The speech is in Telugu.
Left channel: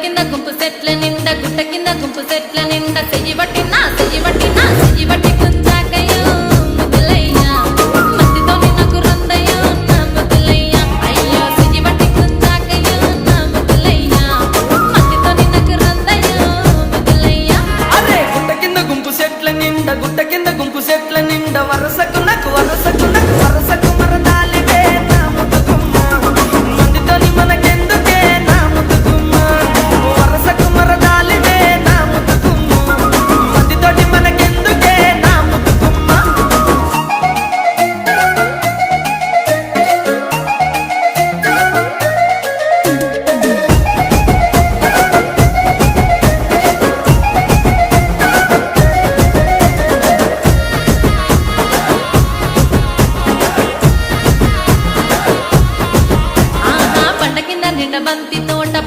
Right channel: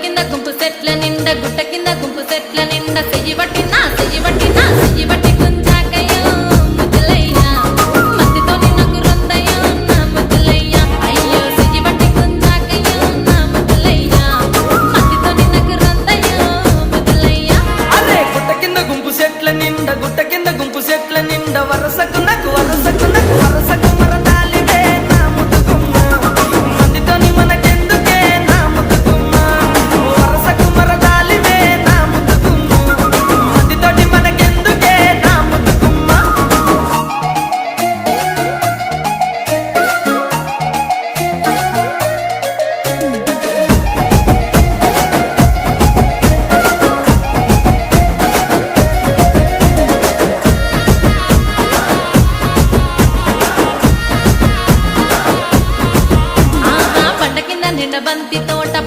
కింద గుంపు సెట్ల నిండా గుట్ట కింద గుంపు సెట్ల నిండా చెయ్యి బట్టి గుంజాకయ్యో ముద్దులయ్యా మందితో నాకు రొందయ్యో నా ముద్దులయ్యా అయ్యో చెయ్యి బట్టి గుంజాకయ్యో నా ముద్దులయ్యా మందితో నాకు రొందయ్యో ముద్దులయ్యా అరే గుట్ట కింద గుంపు సెట్ల నిండా వరసకు మరదాలివే నా ముద్దుగుమ్మ మందితోని మనకెందుకే నా ముద్దుగుమ్మ వరసకు మరదాలివే నా ముద్దుగుమ్మ మందితోటి మనకెందుకే నా ముద్దుగుమ్మ ఆహా పంట కింద నిండ బంతి తోట